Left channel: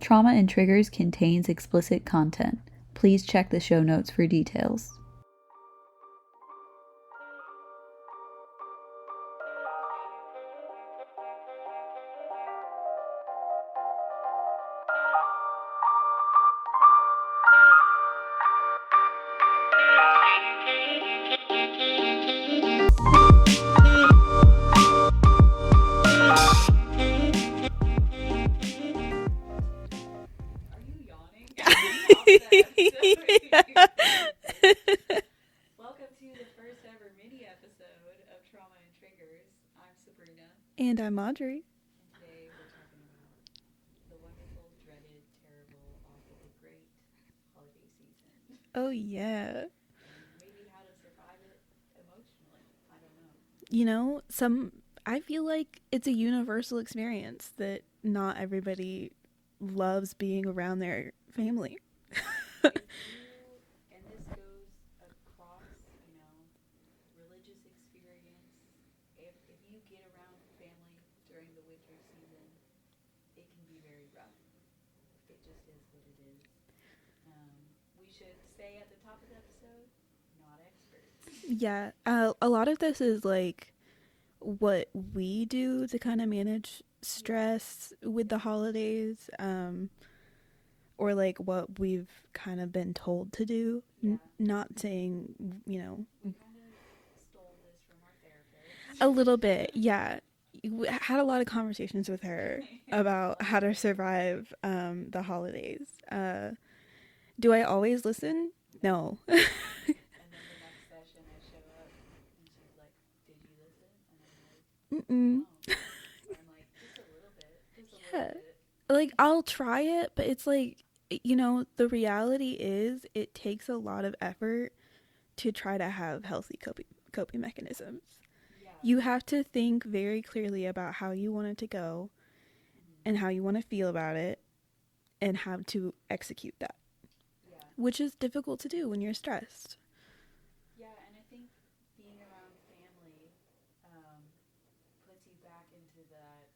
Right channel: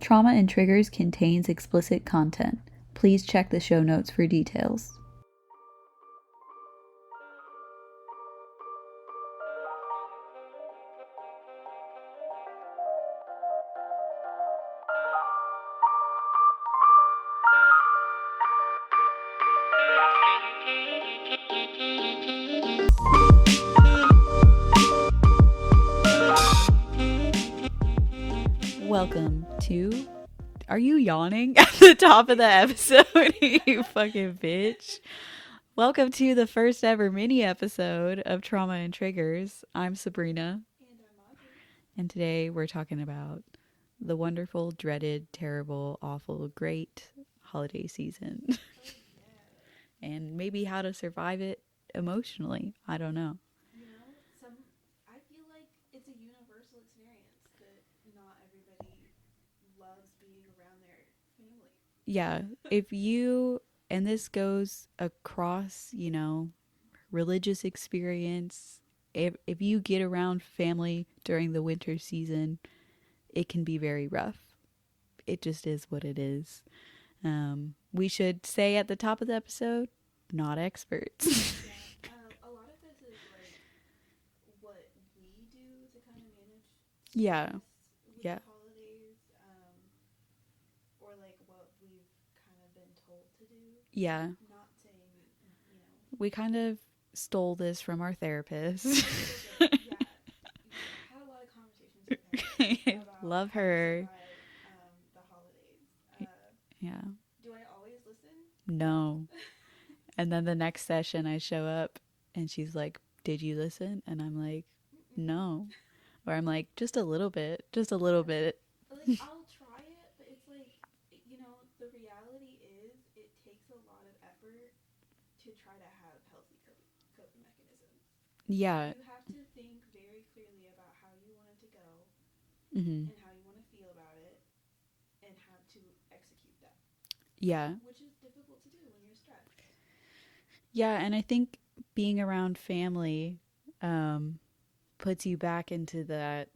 Trauma and Triggers contains explicit content. Please check the show notes for details. Welcome to... Are you yawning at the top of the episode? You fucking bitch. Welcome to the first ever mini episode of Trauma and Triggers. I'm Sabrina. And I'm Audrey. And today we're talking about the wonderful, dreaded, terrible, awful, great holiday season. Oh, yeah. And maybe how to survive it emotionally. I don't know. You know, I feel like it's a universal experience that not everybody loves being around their family. Yeah. If you, and this goes across, you know, religious experience, if you get around family during the winter season, it can be very rough. It just is what it is. We should say at the top of the episode, not experts. Yeah. A lot of this is like what we do to kind of manage stress with the holidays, or like what we've kind of been told to do. Yeah. Not saying, you know. We kind of stole this from our therapist. A little bit, yeah. We had a lot of conversations with her about how to survive the holidays. Yeah. Do I always listen? No. And then the next session I show up and she's like, "Did you listen?" And I'm like, "No." Or I'm like, just a little bit. Like, I'll try it, but it's like, you know, the reality is it takes a lot of effort to try to have healthy coping mechanisms. Yeah. You have to think very clearly about how you want it to go and how you want to feel about it and how to execute that. Yeah. Which is difficult to do when you're stressed. Yeah, and I think being around family puts you back into that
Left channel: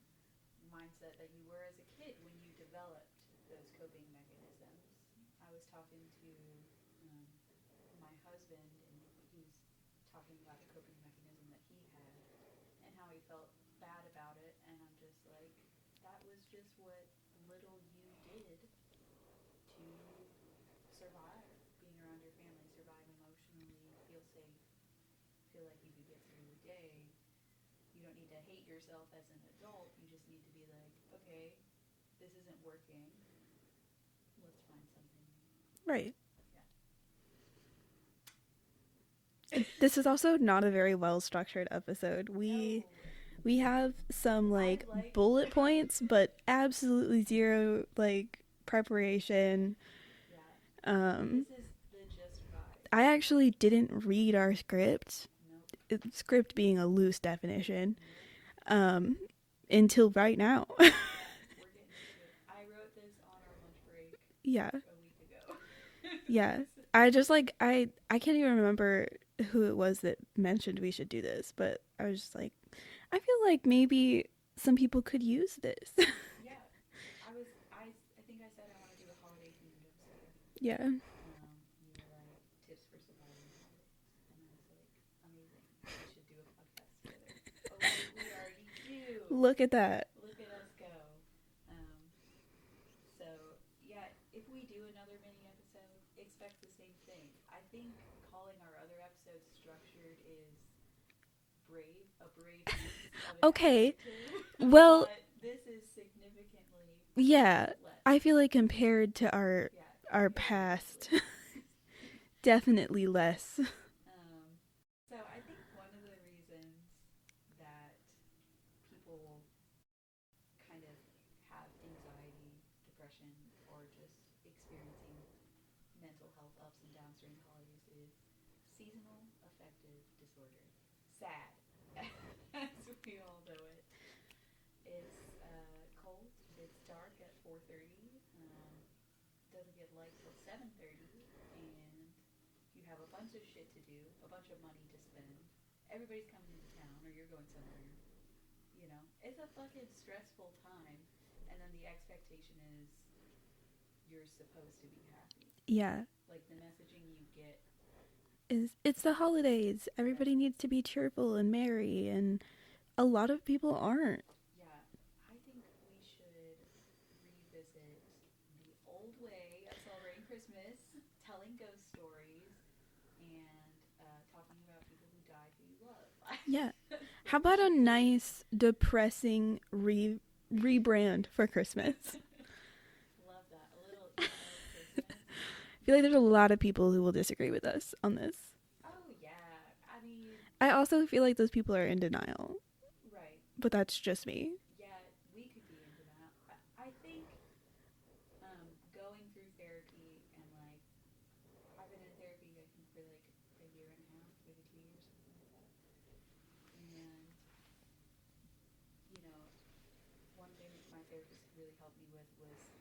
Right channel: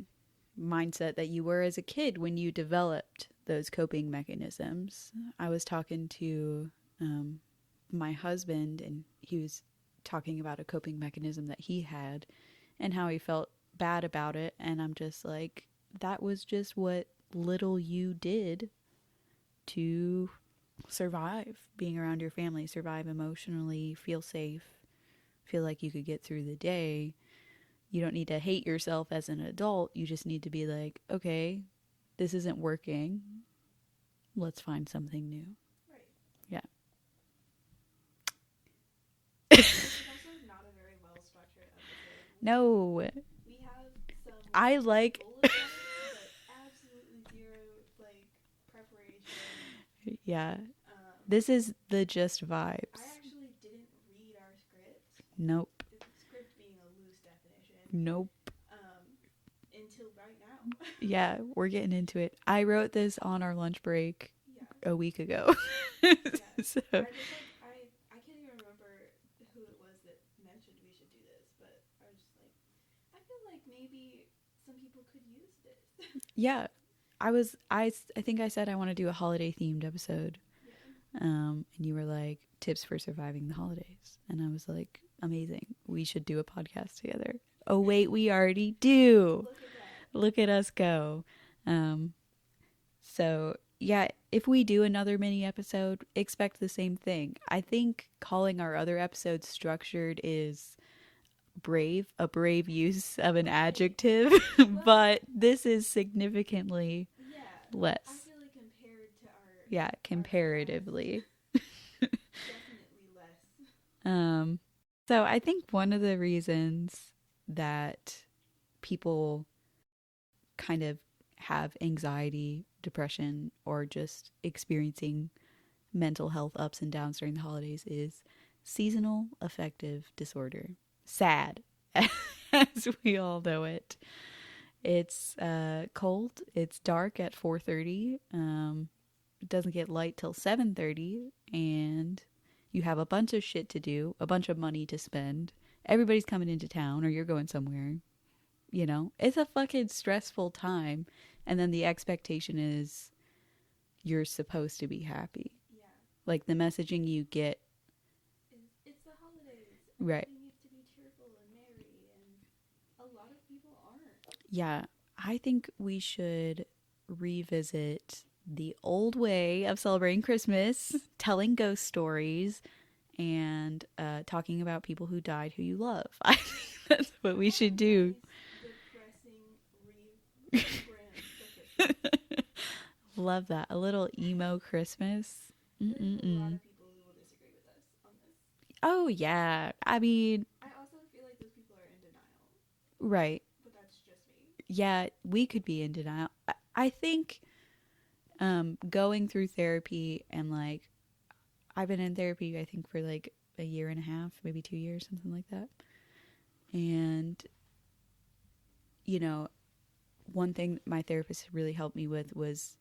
mindset that you were as a kid when you developed those coping mechanisms. I was talking to my husband, and he was talking about a coping mechanism that he had and how he felt bad about it, and I'm just like, that was just what little you did to survive being around your family, survive emotionally, feel safe, feel like you could get through the day. You don't need to hate yourself as an adult. You just need to be like, okay, this isn't working. Let's find something new. Right. Yeah. This is also not a very well structured episode. We have some bullet points, but absolutely zero like preparation. Yeah. This is the just vibe. I actually didn't read our script. Nope. Script being a loose definition. Nope. Until right now. Yeah, we're getting into it. I wrote this on our lunch break. Yeah. A week ago. Yeah. So. I just like I can't even remember who it was that mentioned we should do this, but I was just like, I feel like maybe some people could use this. Yeah. I think I said I want to do a holiday themed episode. Yeah. And you were like, tips for surviving the holidays. And I was like, amazing. We should do a podcast together. Oh wait, we already do. Look at that. Look at us go. So yeah, if we do another mini episode, expect the same thing. I think calling our other episodes structured is a brave use of an adjective. Well, but this is significantly less. I feel like compared to our comparatively our past, definitely less. So I think one of the reasons that people kind of have anxiety, depression, or just experiencing mental health ups and downs during the holidays is seasonal affective disorder. SAD, as we all know it. It's cold. It's dark at 4:30. It doesn't get light till 7:30, and you have a bunch of shit to do, a bunch of money to spend. Everybody's coming into town, or you're going somewhere. You know, it's a fucking stressful time. And then the expectation is you're supposed to be happy. Yeah. Like the messaging you get Is it's the holidays. Everybody right. needs to be cheerful and merry, and a lot of people aren't. Yeah, I think we should revisit the old way of celebrating Christmas, telling ghost stories, and talking about people who died who you love. Yeah. That's what How we about a should do. nice, depressing rebrand for Christmas? Love that. A little emo Christmas. I feel like there's a lot of people who will disagree with us on this. Oh, yeah. I mean, I also feel like those people are in denial, right. but that's just me. Yeah, we could be in denial. I think going through therapy and like, I've been in therapy, I think, for like a year and a half, maybe 2 years, something like that. And, you know, one thing my therapist really helped me with was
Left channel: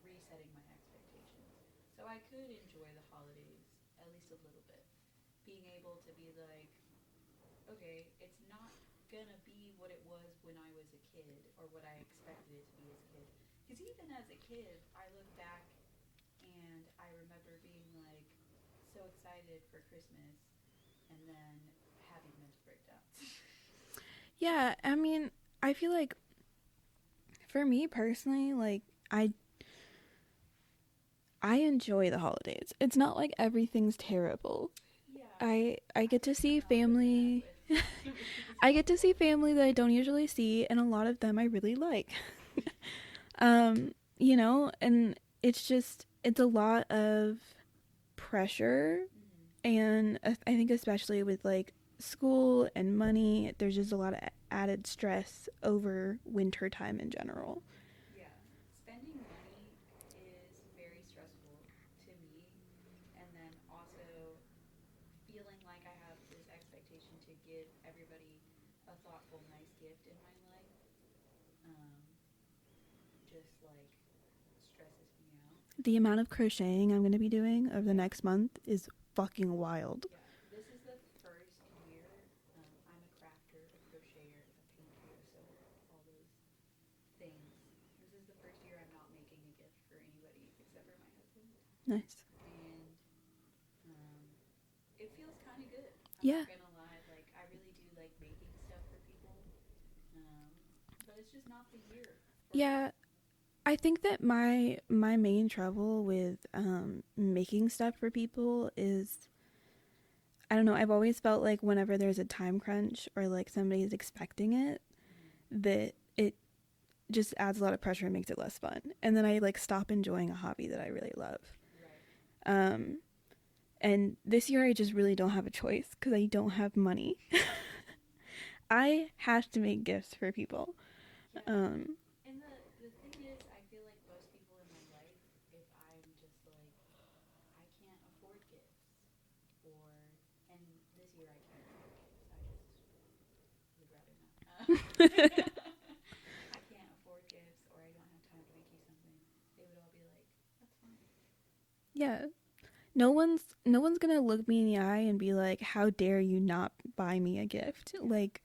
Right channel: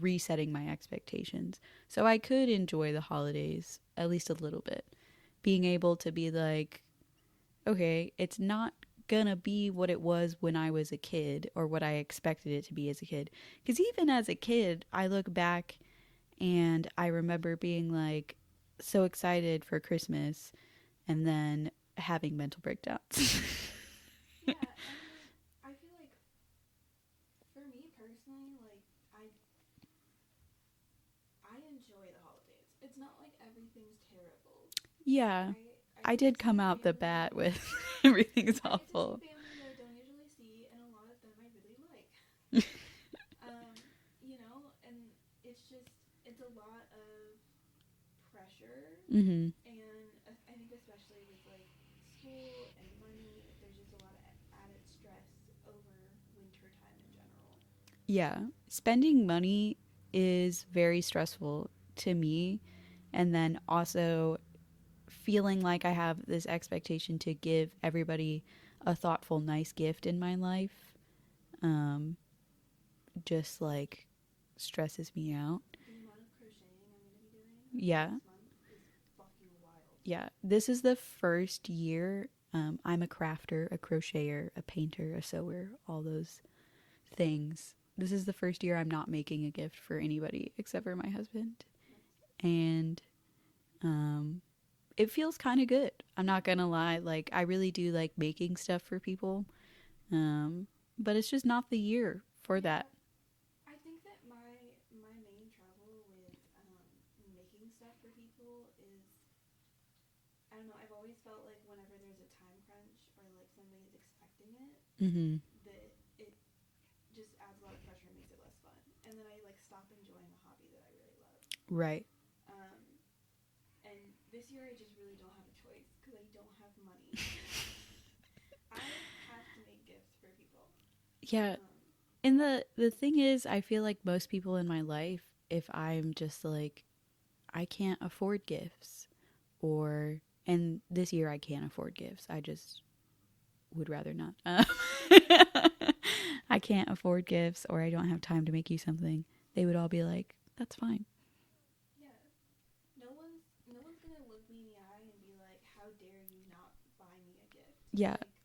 resetting my expectations. So I could enjoy the holidays at least a little bit. Being able to be like, okay, it's not gonna be what it was when I was a kid or what I expected it to be as a kid. Because even as a kid, I look back and I remember being like so excited for Christmas and then having mental breakdowns. Yeah, I mean, I feel like for me personally, like I enjoy the holidays. It's not like everything's terrible. Yeah. I get did to come see out family. the bat with everything's I get to see awful. family that I don't usually see, and a lot of them I really like. You know, and it's a lot of pressure, Mm-hmm. and I think especially with like school and money, there's just a lot of added stress over winter time in general. Yeah. Spending money is very stressful to me. And then also feeling like I have this expectation to give everybody a thoughtful, nice gift in my life, um, just like stresses me out. The amount of crocheting I'm going to be doing over the Yeah. next month is fucking wild. Yeah. This is the first year I'm a crafter, a crocheter, a painter, a sewer, all those things. This is the first year I'm not making a gift for anybody except for my husband. Nice. And it feels kind of good. I'm Yeah. not gonna lie. Like I really do like making stuff for people, but it's just not the year for that. I think that my main trouble with making stuff for people is, I don't know, I've always felt like whenever there's a time crunch or like somebody's expecting it, Mm-hmm. that it just adds a lot of pressure and makes it less fun. And then I like stop enjoying a hobby that I really love. Right. And this year I just really don't have a choice because I don't have money. I have to make gifts for people. Yeah. And the thing is, I feel like most people in my life, if I'm just like, I can't afford gifts, and this year I can't afford gifts. I just would rather not. I can't afford gifts, or I don't have time to make you something. They would all be like, that's fine. Yeah. No one's gonna look me in the eye and be like, how dare you not buy me a gift? Yeah. Like,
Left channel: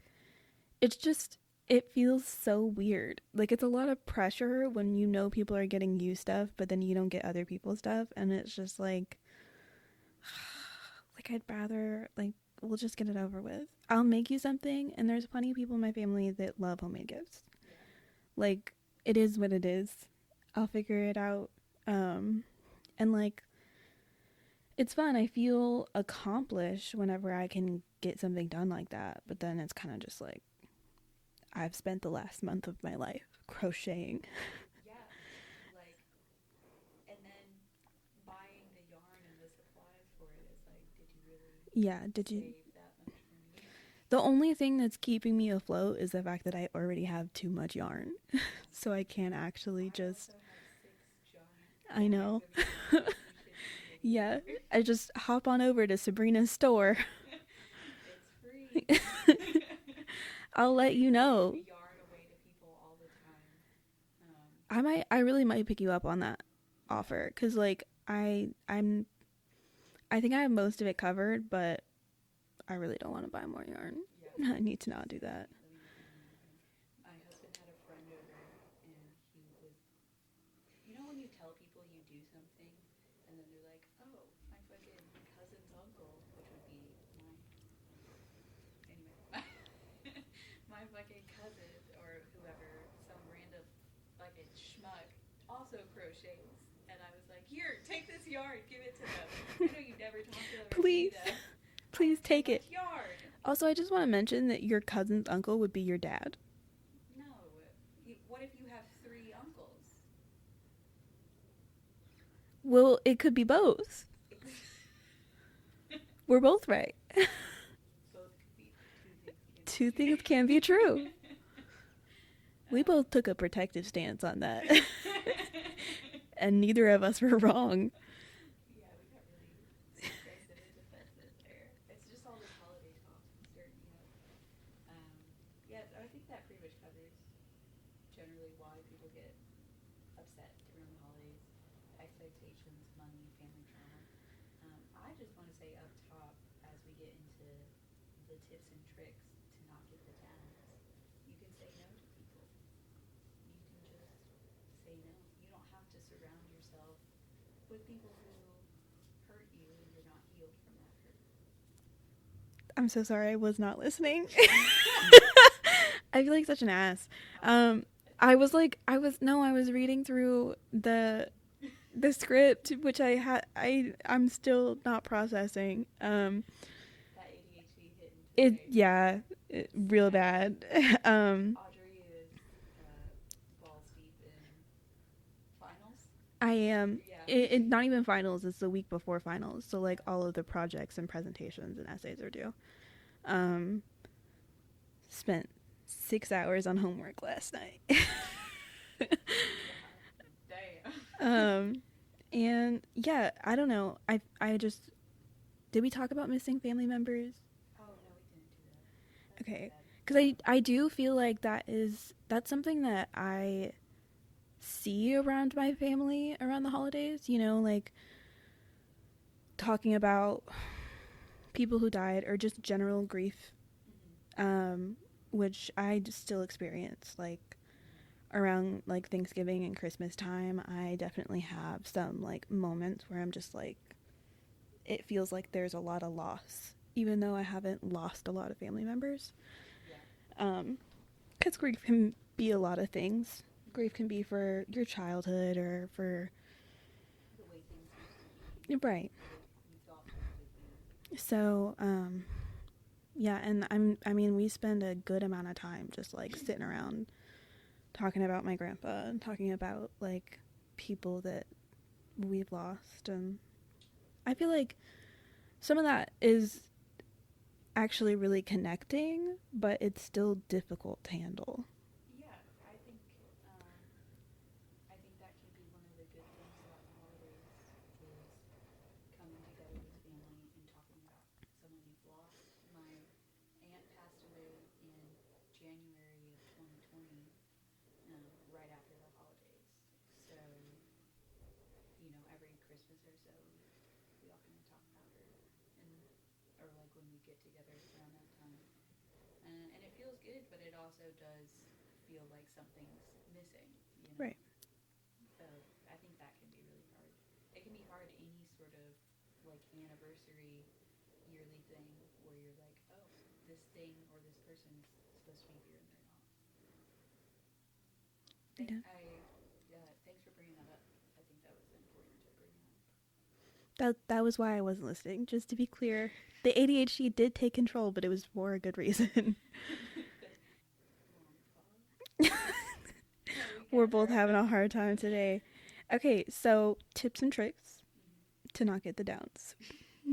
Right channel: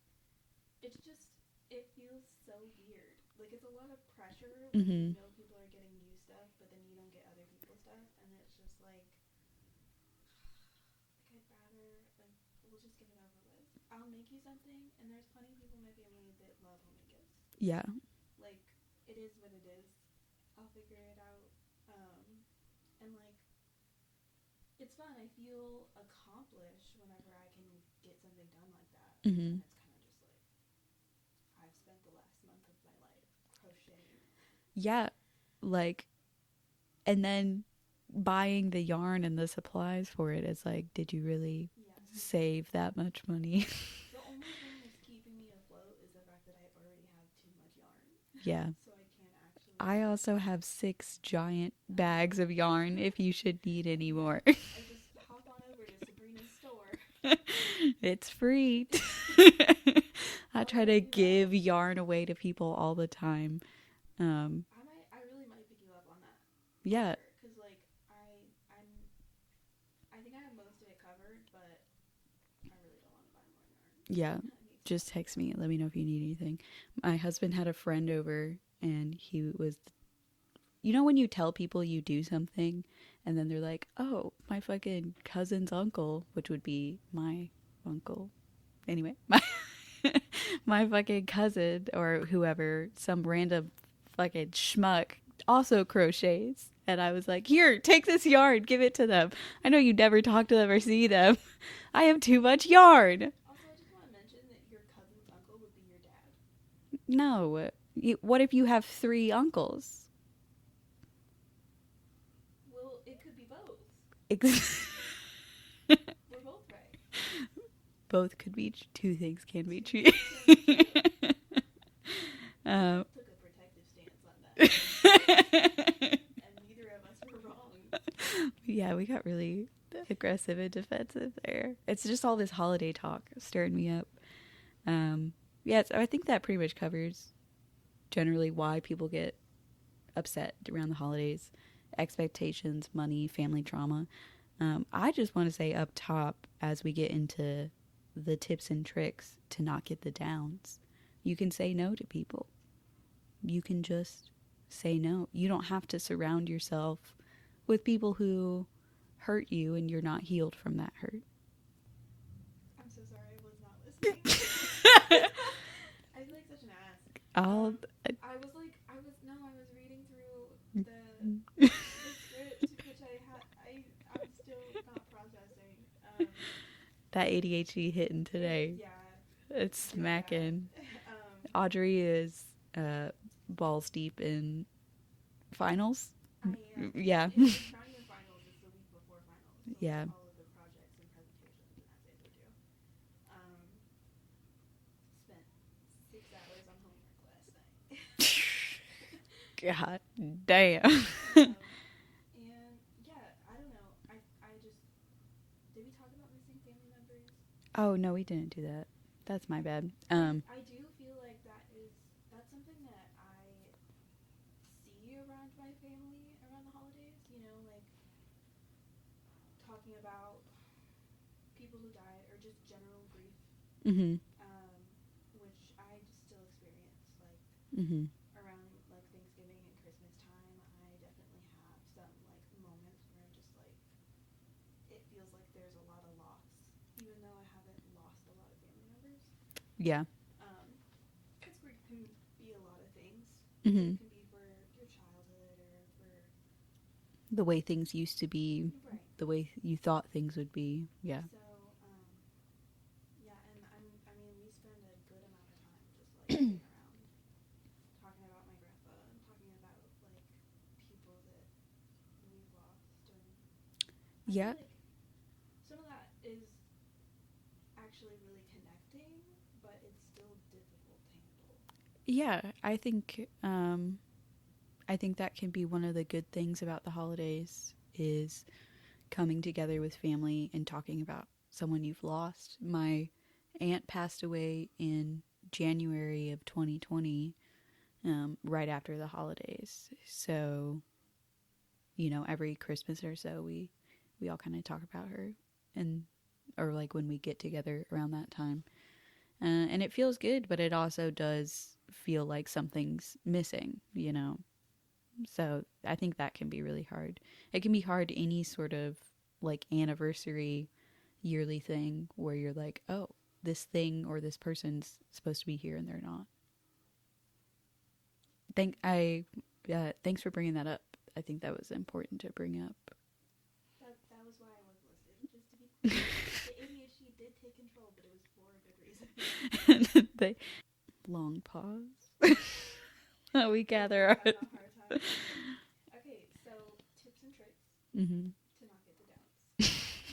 it's just, it feels so weird. Like, it's a lot of pressure when you know people are getting you stuff, but then you don't get other people's stuff, and it's just like I'd rather, like, we'll just get it over with. I'll make you something, and there's plenty of people in my family that love homemade gifts. Yeah. Like, it is what it is. I'll figure it out. And like, it's fun. I feel accomplished whenever I can get something done like that. But then it's kind of just like, I've spent the last month of my life crocheting. Yeah. Like, and then buying the yarn and the supplies for it is like, did you really save that much money? The only thing that's keeping me afloat is the fact that I already have too much yarn. Yeah. So I can't actually I also have 6 giant bags of yarn if you should need any more. I just hop on over to Sabrina's store. It's free. I'll try let to you know. give yarn away to people all the time. I really might pick you up on that offer, because like I think I have most of it covered, but I really don't want to buy more yarn. Yeah. I need to just text me. Let me know if you need anything. My husband had a friend over and he was you know when you tell people you do something and then they're like, oh, my fucking cousin's uncle, which would be my uncle. Anyway, my fucking cousin or whoever, some random fucking schmuck, also crochets. And I was like, here, take this yarn, give it to them. I know you never talk to them or see them. I have too much yarn. Also, I just want to mention that your cousin's uncle would be your dad. No. What if you have 3 uncles? Well, it could be both. We're both right. Both could be 2 things can be Two true. things can be true. We both took a protective stance on that. And neither of us were wrong. Yeah, we got really aggressive and defensive there. It's just all this holiday talk stirring me up. Yeah, so I think that pretty much covers generally why people get upset around the holidays. Expectations, money, family trauma. I just want to say up top, as we get into the tips and tricks to not get the downs, you can say no to people. You can just say no. You don't have to surround yourself with people who hurt you and you're not healed from that hurt. I'm so sorry, I was not listening. I feel like such an ass. I was reading through the script, which I'm still not processing. That ADHD hitting today. It's real bad. Audrey is balls deep in finals. I am. Yeah. It's not even finals. It's the week before finals. So like Yeah. all of the projects and presentations and essays are due. Spent 6 hours on homework last night. God damn. And yeah, I don't know. I just, did we talk about missing family members? Oh no, we didn't do that. That's my bad. Because I do feel like that's something that I see around my family around the holidays, you know, like talking about people who died or just general grief, which I still experience, like around like Thanksgiving and Christmas time. I definitely have some like moments where I'm just like, it feels like there's a lot of loss, even though I haven't lost a lot of family members. Yeah. Because grief can be a lot of things. Grief can be for your childhood or for the way things used to be. Right. The way you thought things would be. Yeah. So, yeah, and I mean, we spend a good amount of time just like sitting around talking about my grandpa and talking about like people that we've lost, and I feel like some of that is actually really connecting, but it's still difficult to handle. Yeah, I think that can be one of the good things about the holidays is coming together with family and talking about someone you've lost. My aunt passed away in January of 2020, right after the holidays. So, you know, every Christmas or so we all kind of talk about her, and or like when we get together around that time. And it feels good, but it also does feel like something's missing, you know. Right. So I think that can be really hard. It can be hard any sort of like anniversary yearly thing where you're like, oh, this thing or this person's supposed to be here and they're not. Thanks for bringing that up. I think that was important to bring up. That was why I wasn't listening. Just to be clear, the ADHD did take control, but it was for a good reason. Long pause. We gather. We're both having a hard time today. Okay, so tips and tricks to not get the downs,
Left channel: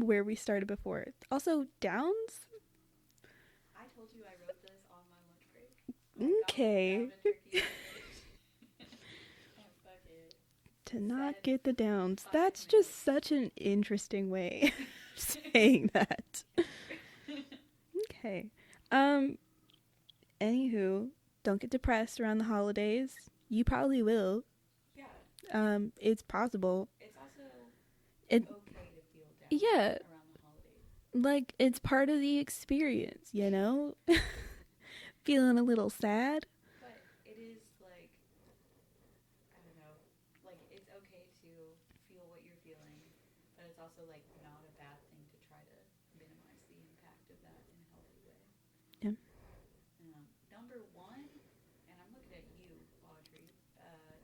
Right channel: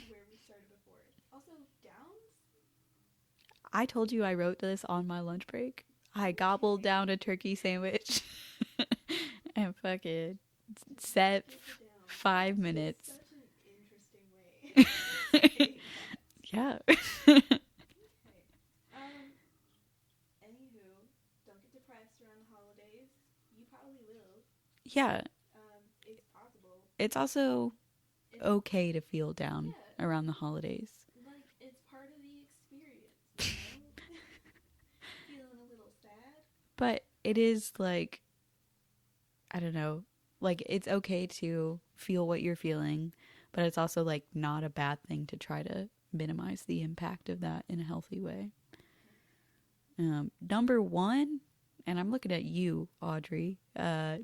where we started before. Also, downs? I told you I wrote this on my lunch break. I gobbled down a turkey sandwich and fucking not get the downs. 5 minutes. That's just such an interesting way of saying that. Yeah. Okay. Anywho, don't get depressed around the holidays. You probably will. Yeah. It's possible. It's also okay to feel down around the holidays. Like, it's part of the experience, you know? Feeling a little sad. But it is like, I don't know, Like, it's okay to feel what you're feeling, but it's also like not a bad thing to try to minimize the impact of that in a healthy way. Yeah. Number one, and I'm looking at you, Audrey,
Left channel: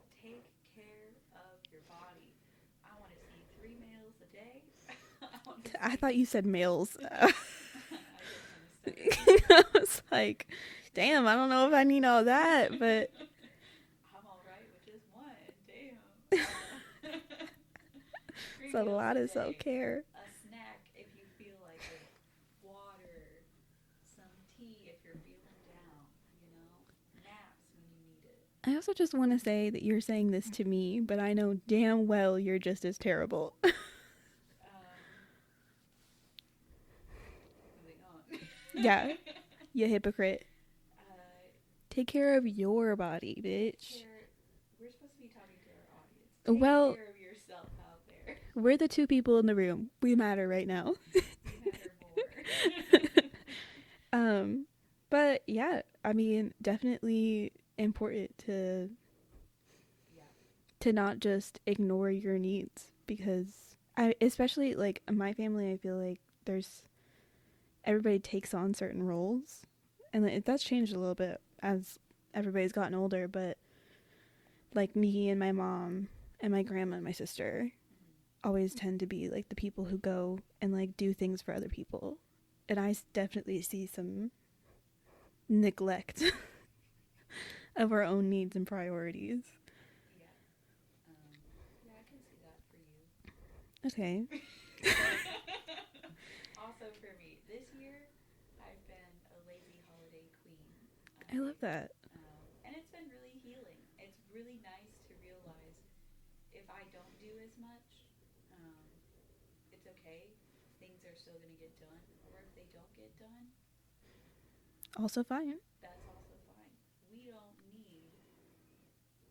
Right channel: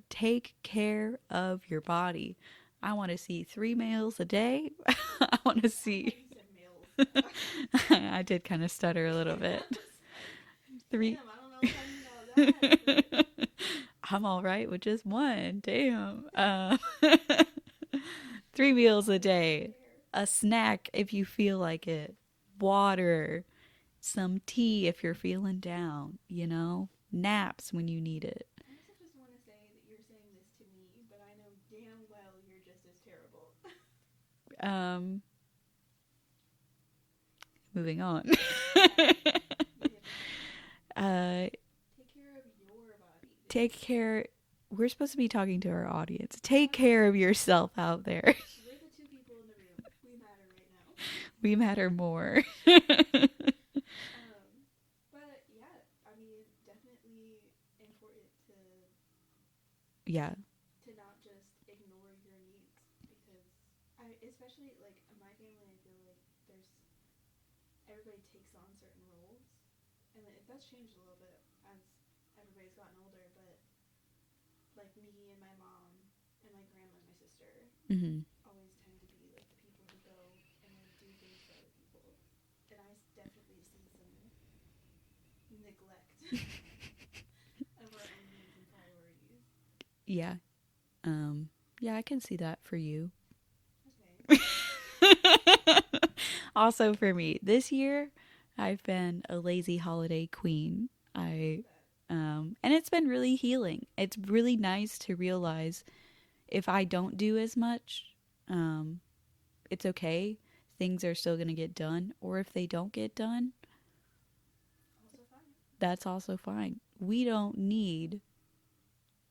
take care of your body. I want to see 3 meals a day. I want to see. I thought you said males. I did kind of stutter a little bit. I was like, damn, I don't know if I need all that, but I'm all right with just one. Damn. 3 it's meals lot a of day. self-care. A snack if you feel like it. Water. Some tea if you're feeling down, you know? Naps when you need it. I also just want to say that you're saying this to me, but I know damn well you're just as terrible. Moving on. Yeah, you hypocrite. Take care of your body, bitch. Take care. We're supposed to be talking to our audience. Take care of yourself out there. We're the 2 people in the room. We matter right now. We matter more. But yeah, I mean, definitely important to not just ignore your needs, because especially like my family, I feel like everybody takes on certain roles, and that's changed a little bit as everybody's gotten older, but like me and my mom and my grandma and my sister always tend to be like the people who go and like do things for other people, and I definitely see some neglect of our own needs and priorities. Yeah. Yeah, I can see that for you. Okay. Also for me, this year I've been a lazy holiday queen. I love that. And it's been really healing. It's really nice to realize if I don't do as much, it's okay. Things are still going to get done. Or if they don't get done, also fine. That's also fine. We don't need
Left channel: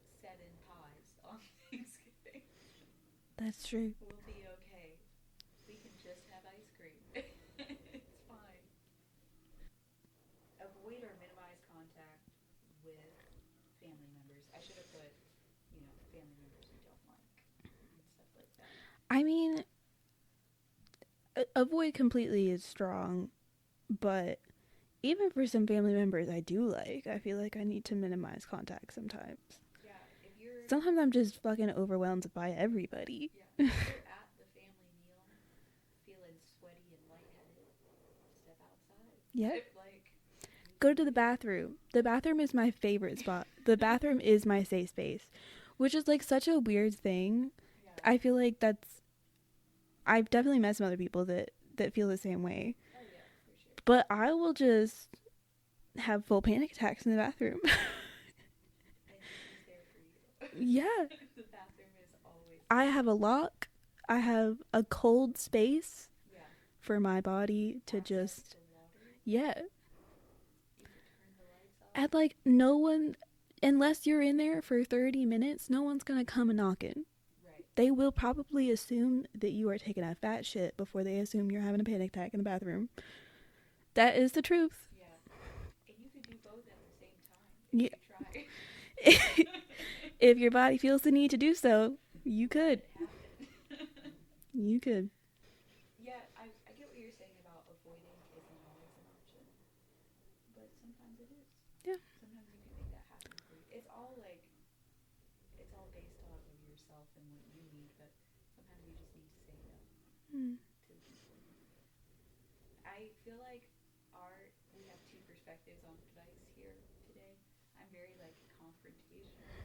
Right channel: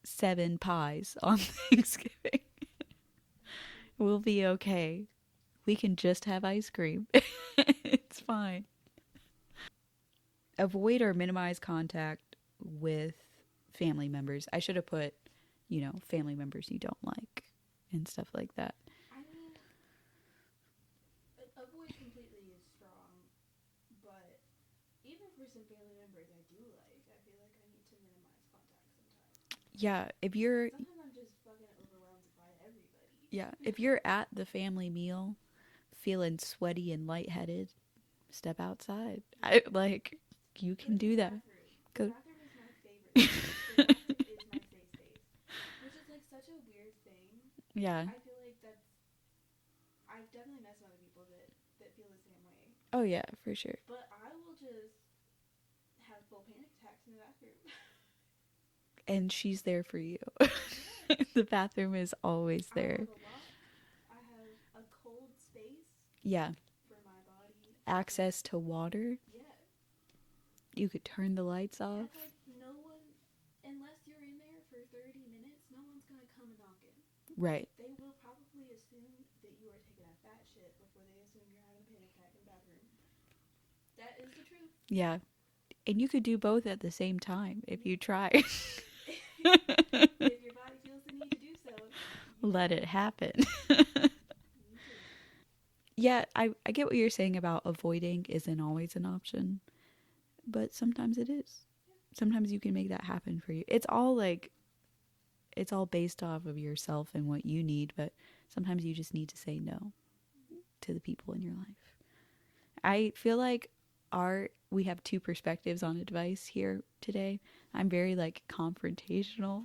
7 pies on Thanksgiving. That's true. We'll be okay. We can just have ice cream. It's fine. Avoid or minimize contact with family members. I should have put, family members you don't like and stuff like that. I mean, avoid completely is strong, but even for some family members I do like, I feel like I need to minimize contact sometimes. Yeah, sometimes I'm just fucking overwhelmed by everybody. Yeah, if you're at the family meal feeling sweaty and lightheaded, step outside. Yeah. You go to the bathroom. The bathroom is my favorite spot. The bathroom is my safe space, which is like such a weird thing. Yeah. I feel like I've definitely met some other people that feel the same way. Oh yeah, for sure. But I will just have full panic attacks in the bathroom. And she's there for you. Yeah. The bathroom is always there. I have a lock. I have a cold space. Yeah. For my body to access to water. Yeah. You could turn the lights off. And like no one, unless you're in there for 30 minutes, no one's going to come a knocking. Right. They will probably assume that you are taking a fat shit before they assume you're having a panic attack in the bathroom. That is the truth. Yeah. And you could do both at the same time if you try. If your body feels the need to do so, you let it happen. You could. Yeah, I get what you're saying about avoiding isn't always an option. But sometimes it is. Yeah. Sometimes you can make that happen for you. It's all based off of yourself and what you need, but sometimes you just need to say no to the people in your life. I feel like we have 2 perspectives on advice here today. I'm very confrontational.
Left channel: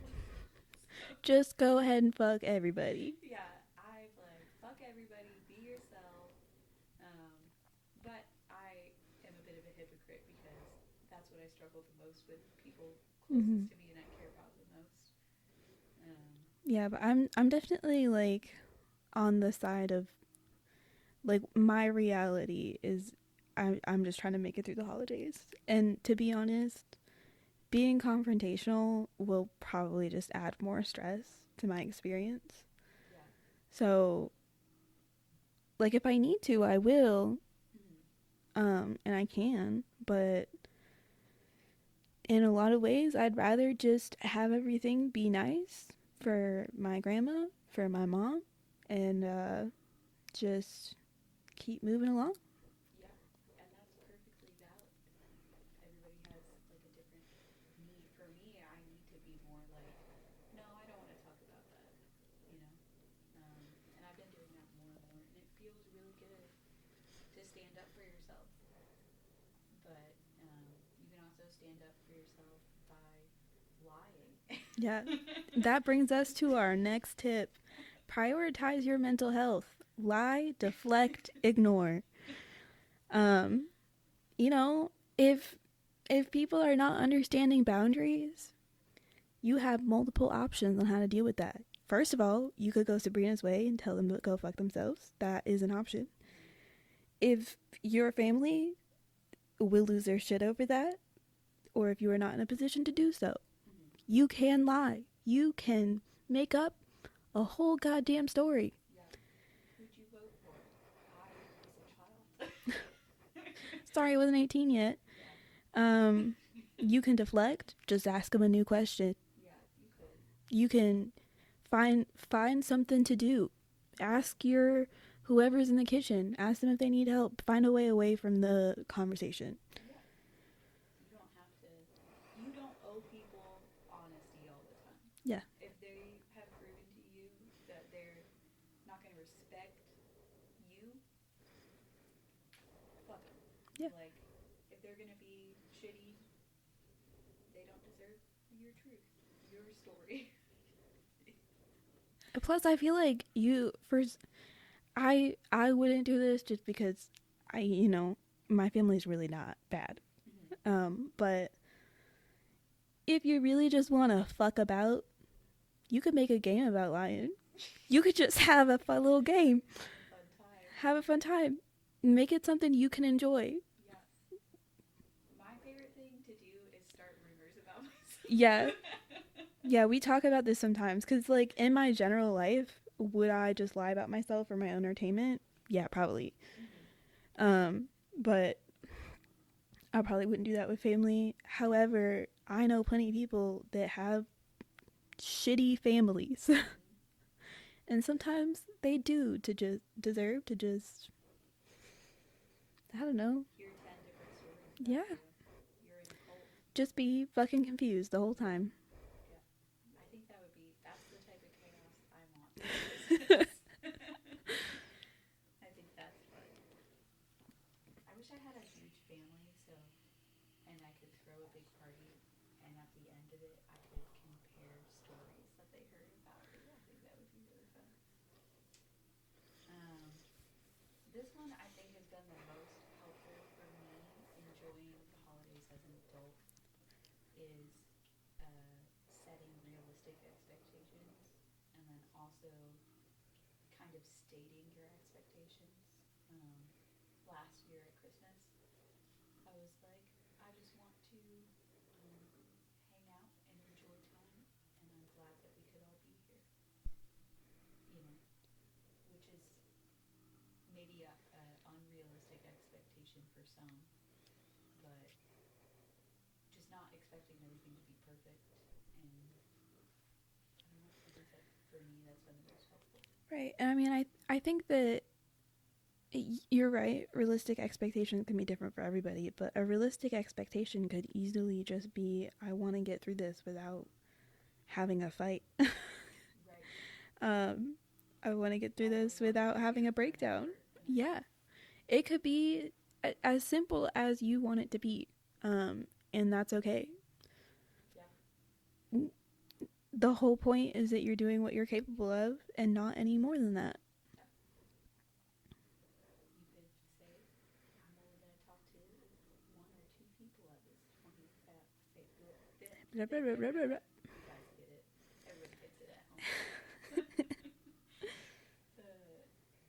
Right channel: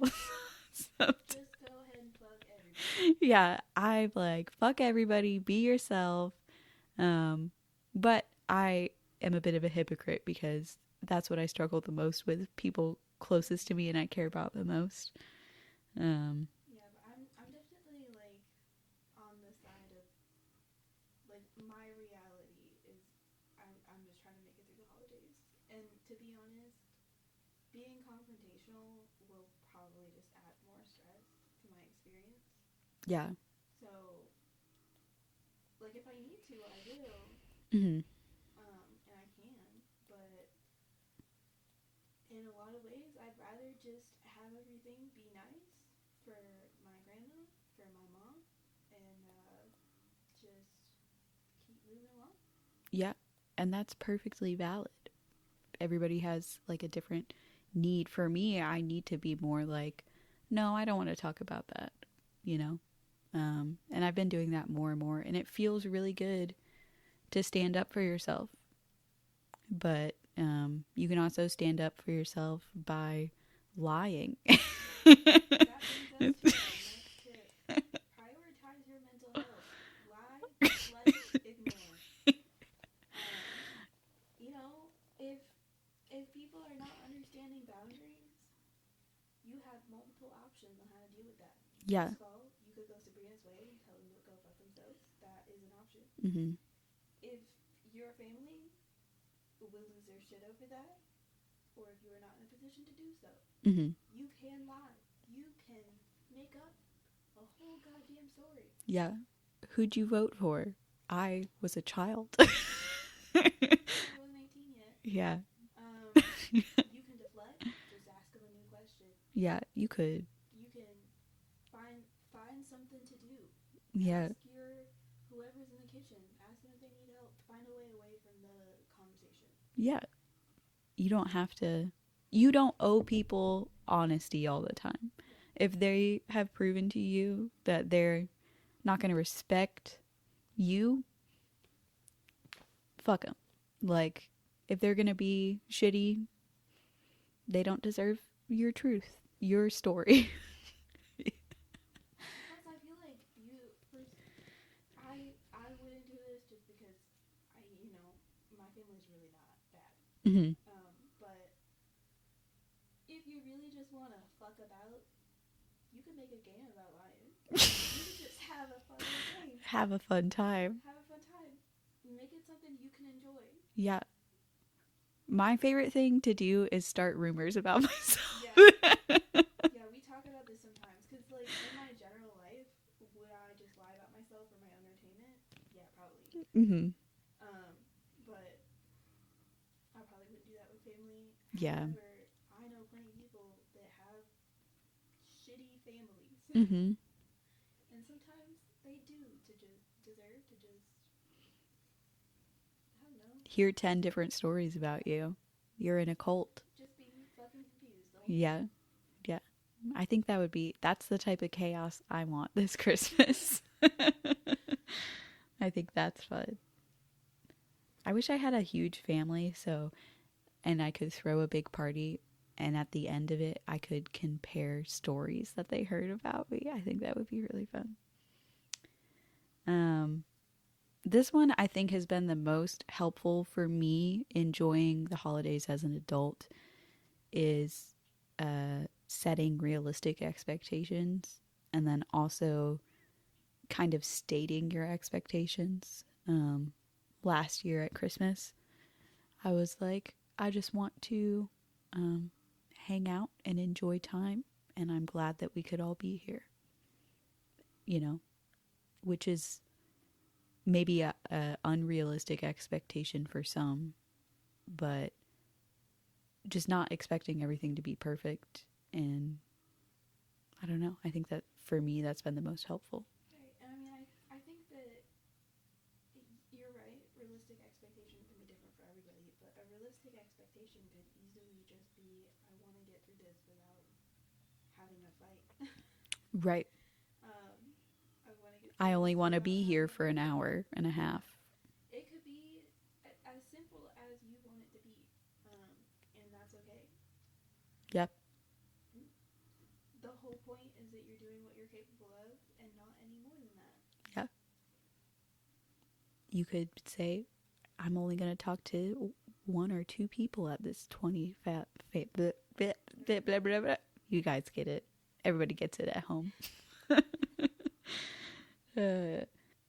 Just go ahead and fuck everybody. Yeah, I'm like, fuck everybody, be yourself. But I am a bit of a hypocrite because that's what I struggle the most with, people closest to me and I care about the most. Yeah, but I'm definitely on the side of my reality is I'm just trying to make it through the holidays. And to be honest, being confrontational will probably just add more stress to my experience. Yeah. So if I need to, I will. Mm-hmm. And I can, but in a lot of ways I'd rather just have everything be nice for my grandma, for my mom, and just keep moving along. Yeah. And that's perfectly valid. Everybody has like a different need. For me, I need to be more like, no, I don't want to talk about that, you know? And I've been doing that more and more. And it feels really good to stand up for yourself. But you can also stand up for yourself by lying. Yeah. That brings us to our next tip. Prioritize your mental health. Lie, deflect, ignore. You know, if people are not understanding boundaries, you have multiple options on how to deal with that. First of all, you could go Sabrina's way and tell them to go fuck themselves. That is an option. Mm-hmm. If your family will lose their shit over that, or if you are not in a position to do so, mm-hmm. you can lie. You can make up a whole goddamn story. Yeah. Who'd you vote for? I was a child. Sorry, I wasn't 18 yet. Yeah. You can deflect. Just ask them a new question. Yeah, you could. You can find something to do. Yeah. Ask your whoever's in the kitchen. Ask them if they need help. Find a way away from the conversation. Yeah. You don't have to. You don't owe people honesty all the time. Yeah. If they have proven to you that they're not going to respect you, fuck them. Yeah. Like, if they're going to be shitty, they don't deserve your truth, your story. Plus, I feel like I wouldn't do this just because my family's really not bad. Mm-hmm. But if you really just want to fuck about, you could make a game about lying. You could just have a fun little game. Have a fun time. Make it something you can enjoy. Yeah. My favorite thing to do is start rumors about myself. Yeah. Yeah, we talk about this sometimes because, like, in my general life, would I just lie about myself for my own entertainment? Yeah, probably. Mm-hmm. But I probably wouldn't do that with family. Yeah. However, I know plenty of people that have shitty families. Mm-hmm. And sometimes they do deserve to just, I don't know, hear 10 different stories about you. You're in a cult. Just be fucking confused the whole time. Yeah. I think that's the type of chaos I want this Christmas. I think that's fun. I wish I had a huge family and I could throw a big party, and at the end of it I could compare stories that they heard about me. I think that would be really fun. This one I think has been the most helpful for me enjoying the holidays as an adult is setting realistic expectations, and then also kind of stating your expectations. Last year at Christmas, I was like, I just want to hang out and enjoy time, and I'm glad that we could all be here. Which is maybe a unrealistic expectation for some, but just not expecting everything to be perfect. And I don't know, I think that for me that's been the most helpful. Right. And I mean, I think that you're right, realistic expectations can be different for everybody, but a realistic expectation could easily just be, I want to get through this without having a fight. Right. I want to get through I only want to be here for an hour and a half. It could be as simple as you want it to be, and that's okay. Yep. The whole point is that you're doing what you're capable of and not any more than that. Yeah. You could say, I'm only going to talk to 1 or 2 people at this 20 You guys get it. Everybody gets it at home.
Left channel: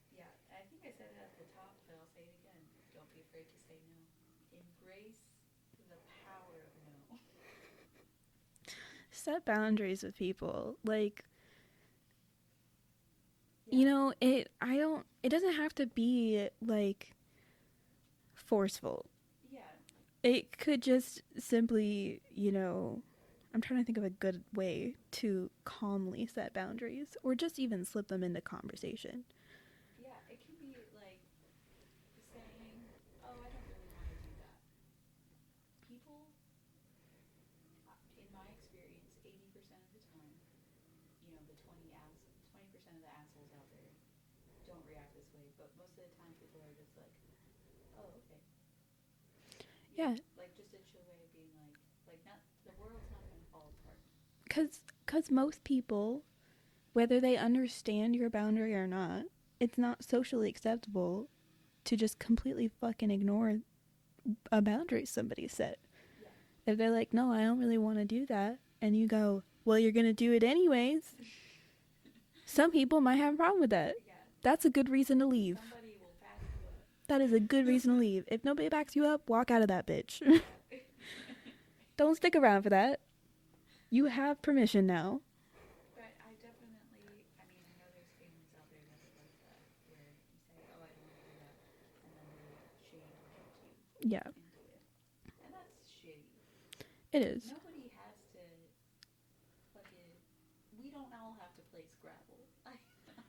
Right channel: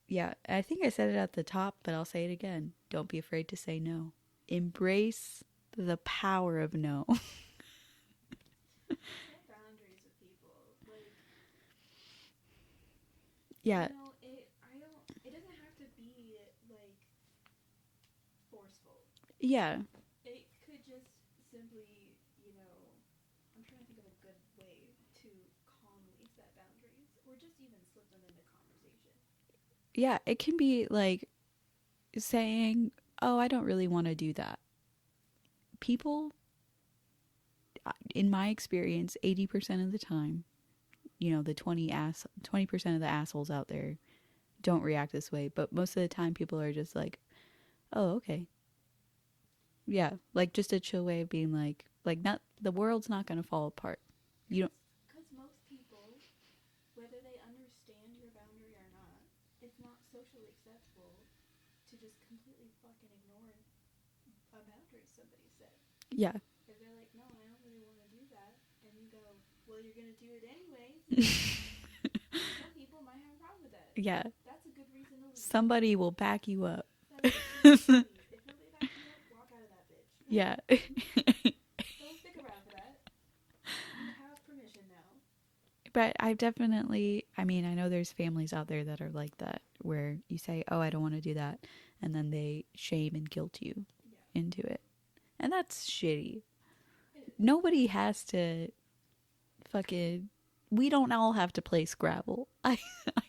Yeah, I think I said it at the top, but I'll say it again. Don't be afraid to say no. Embrace the power of no. Set boundaries with people. Like, yeah. It doesn't have to be like forceful. Yeah. It could just simply, I'm trying to think of a good way to calmly set boundaries or just even slip them into conversation. Yeah, it can be like saying, "Oh, I don't really want to do that." People, in my experience, 80% of the time, the 20% of the assholes out there don't react this way, but most of the time people are just like, "Oh, okay." Yeah, like just a chill way of being like not the world's not going to fall apart. Cuz most people, whether they understand your boundary or not, it's not socially acceptable to just completely fucking ignore a boundary somebody set. Yeah. If they're like, "No, I don't really want to do that." And you go, "Well, you're going to do it anyways." Some people might have a problem with that. Yeah. That's a good reason to leave. Somebody will back you up. That is a good reason to leave. If nobody backs you up, walk out of that bitch. Yeah. Don't stick around for that. You have permission now. But I've definitely, I know there's families out there that are like that, where you say, "Oh, I don't want to do that," and then they shame and guilt you into it. And that's shitty. It is. Nobody has to fucking, we don't all have to play Scrabble. I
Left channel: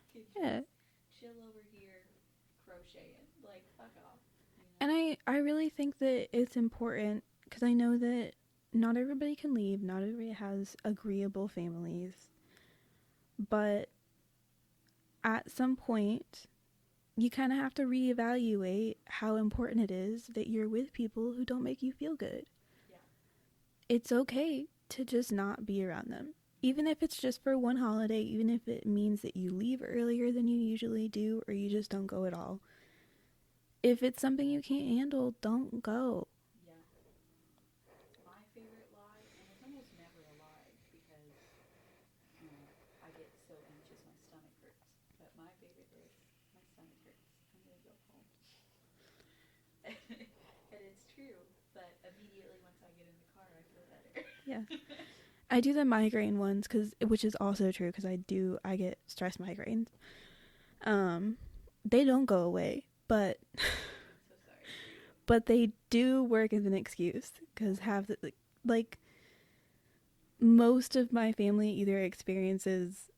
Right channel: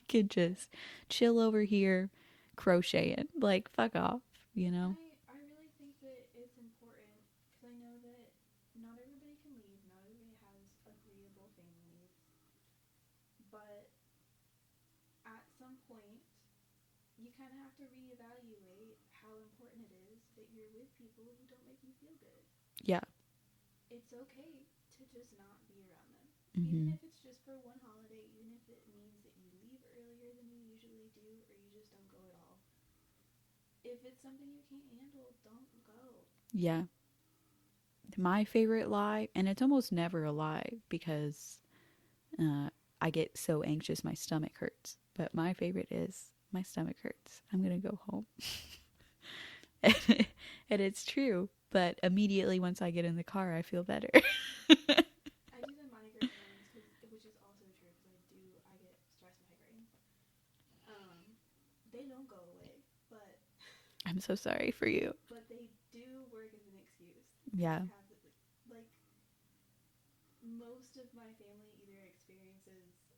could just chill over here crocheting. Like, fuck off, And I really think that it's important, because I know that not everybody can leave. Not everybody has agreeable families. But at some point, you kind of have to reevaluate how important it is that you're with people who don't make you feel good. Yeah. It's okay to just not be around them. Mm-hmm. Even if it's just for one holiday, even if it means that you leave earlier than you usually do, or you just don't go at all. If it's something you can't handle, don't go. Yeah. My favorite lie, and it's almost never a lie because I get so anxious my stomach hurts. But my favorite is, my stomach hurts, I'm going to go home. And it's true. But immediately once I get in the car, I feel better. Yeah. I do the migraine ones, which is also true, because I get stress migraines. They don't go away, but I'm so sorry for you. But they do work as an excuse, because most of my family either experiences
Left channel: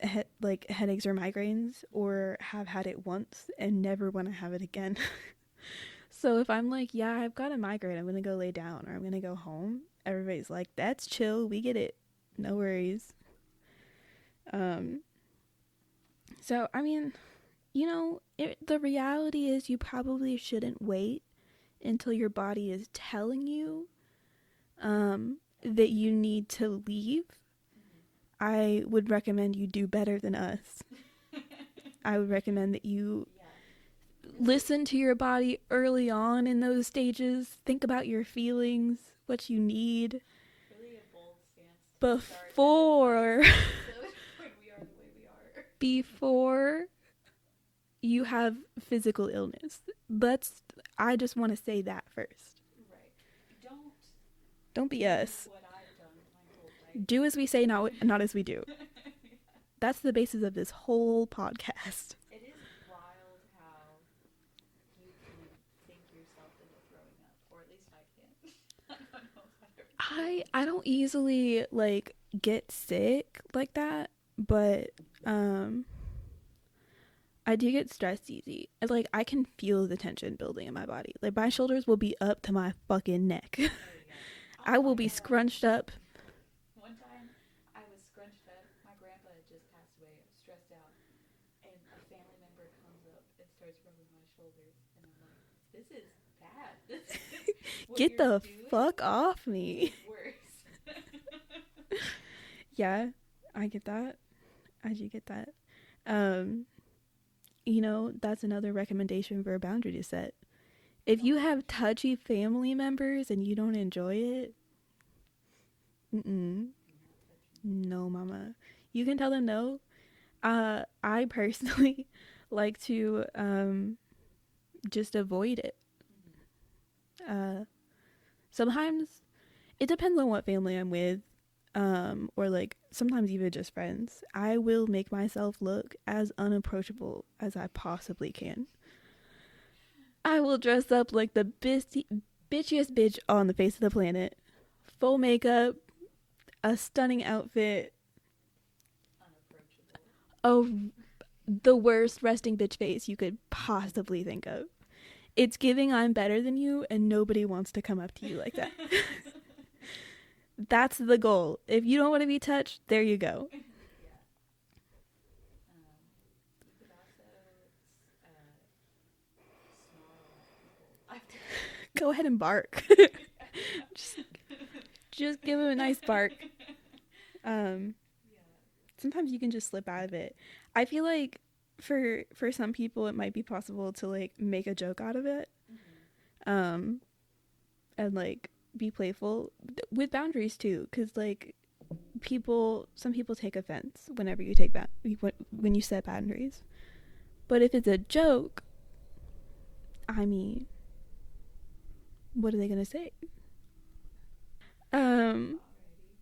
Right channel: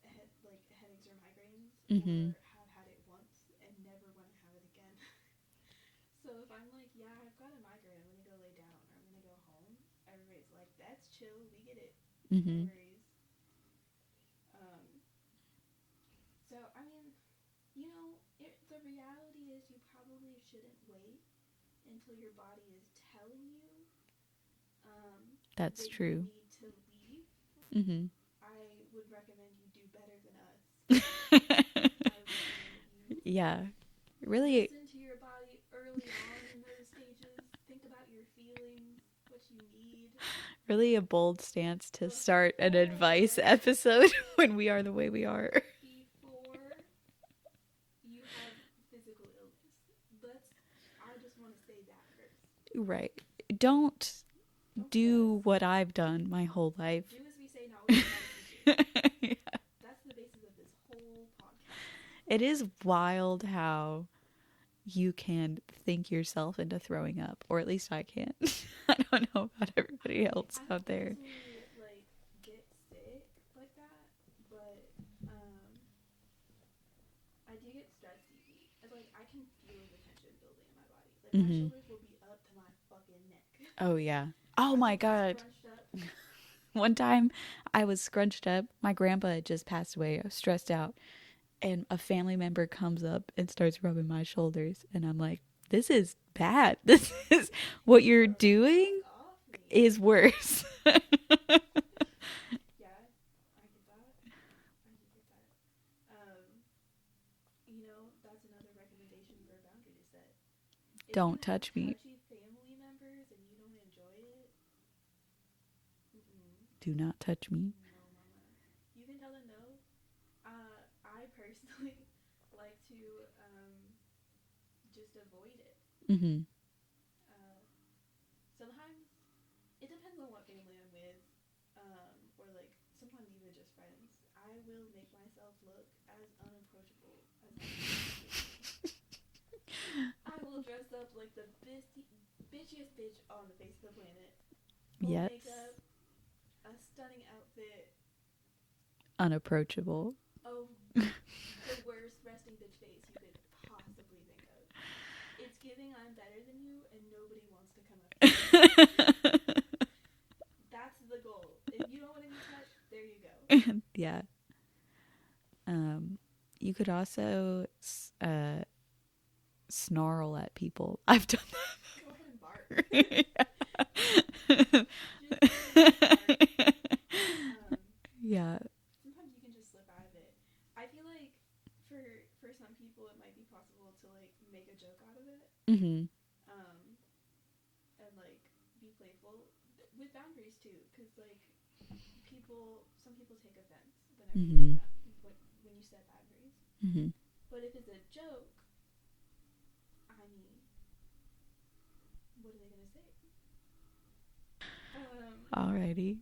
headaches or migraines, or have had it once and never want to have it again. So if I'm like, "Yeah, I've got a migraine, I'm gonna go lay down, or I'm gonna go home," everybody's like, "That's chill, we get it, no worries." So the reality is, you probably shouldn't wait until your body is telling you that true. You need to leave. I would recommend you do better than us. I would recommend that you really listen to your body early on in those stages. Think about your feelings, what you need. Really a bold stance to start an advice episode when we are the way we are. Before you have physical illness. I just want to say that first. Right. Don't be us. What I've done my whole life. Do as we say, not as we do. Yeah. That's the basis of this whole podcast. It is wild how you can think yourself into throwing up, or at least I can. I don't know about everybody else. I don't easily get sick like that, but I do get stressed easy. I can feel the tension building in my body. My shoulders will be up to my fucking neck. Oh yeah. I will be scrunched up. One time I was scrunched up. My grandpa had just passed away. I was stressed out. And a family member comes up and starts rubbing my shoulders. And I'm like, this is bad. This is what you're doing. Fuck off me. Is worse. Yeah, I get that. I do get that. That's another recommendation for a boundary to set. If you have touchy family members and you don't enjoy it, do not touch me. No, mama. You can tell them no. I personally like to just avoid it. Sometimes it depends on what family I'm with, or sometimes even just friends. I will make myself look as unapproachable as I possibly can. I will dress up like the bitchiest bitch on the face of the planet. Full makeup, a stunning outfit. Unapproachable. Oh, the worst resting bitch face you could possibly think of. It's giving I'm better than you and nobody wants to come up to you like that. That's the goal. If you don't want to be touched, there you go. Yeah. You could also snarl at people. I've done. Go ahead and bark. Just give them a nice bark. Yeah. Sometimes you can just slip out of it. I feel like for some people it might be possible to like make a joke out of it. Mm-hmm. And like be playful with boundaries too, because like some people take offense whenever you take when you set boundaries. Mm-hmm. But if it's a joke, I mean, what are they gonna say? Alrighty.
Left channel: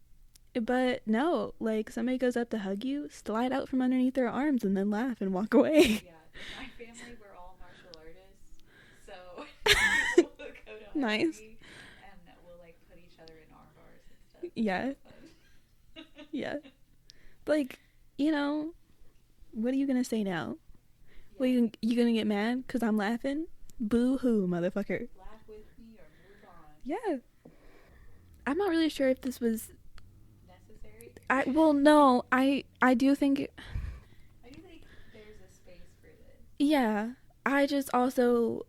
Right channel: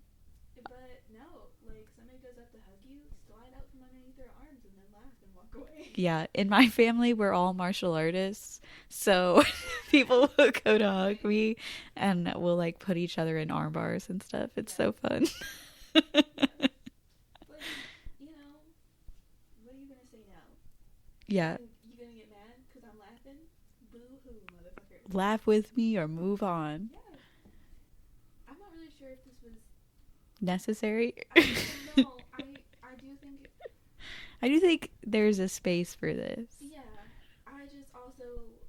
But no, like somebody goes up to hug you, slide out from underneath their arms and then laugh and walk away. Yeah, in my family we're all martial artists, so people will go to hug me and we'll like put each other in arm bars and stuff. It's so fun. Yeah. Like, you know, what are you gonna say now? Yeah. You gonna get mad because I'm laughing? Boo hoo, motherfucker. Laugh with me or move on. Yeah. I'm not really sure if this was necessary. No, I do think there's a space for this. Yeah. I just also,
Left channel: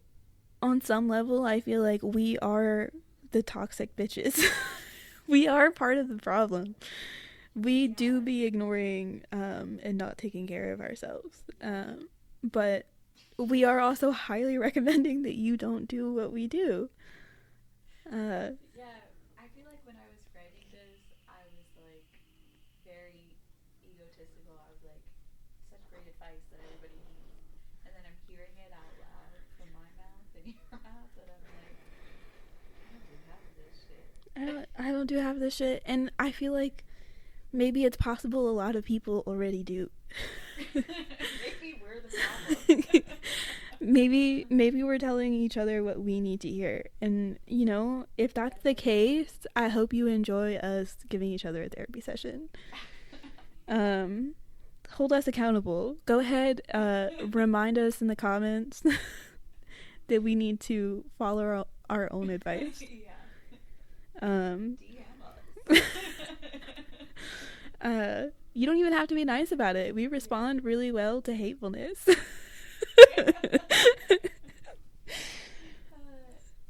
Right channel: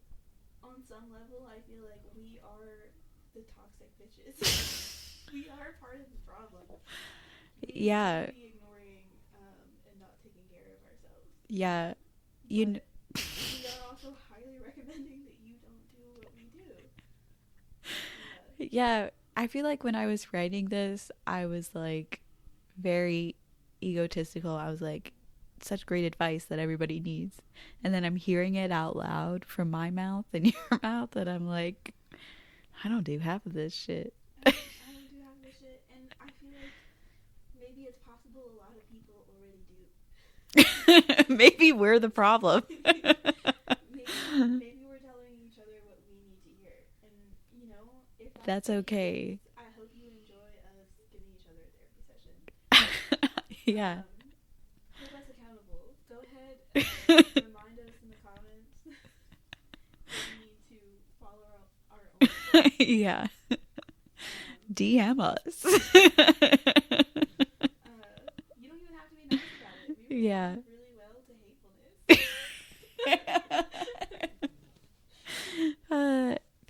on some level, I feel like we are the toxic bitches. We are part of the problem. We do be ignoring and not taking care of ourselves. Yeah. But we are also highly recommending that you don't do what we do. Yeah. I feel like when I was writing this, I was like very egotistical. I was like, such great advice that everybody needs. And then I'm hearing it out loud from my mouth and your mouth, and I'm like, I don't do half of this shit. I don't do half of this shit. And I feel like maybe it's possible a lot of people already do. Maybe we're the problem. maybe we're telling each other what we need to hear, and you know, if that's the case, I hope you enjoy us giving each other a therapy session. Yeah. Hold us accountable. Go ahead, remind us in the comments that we need to follow our own advice. Yeah. DM us. You don't even have to be nice about it. We respond really well to hatefulness.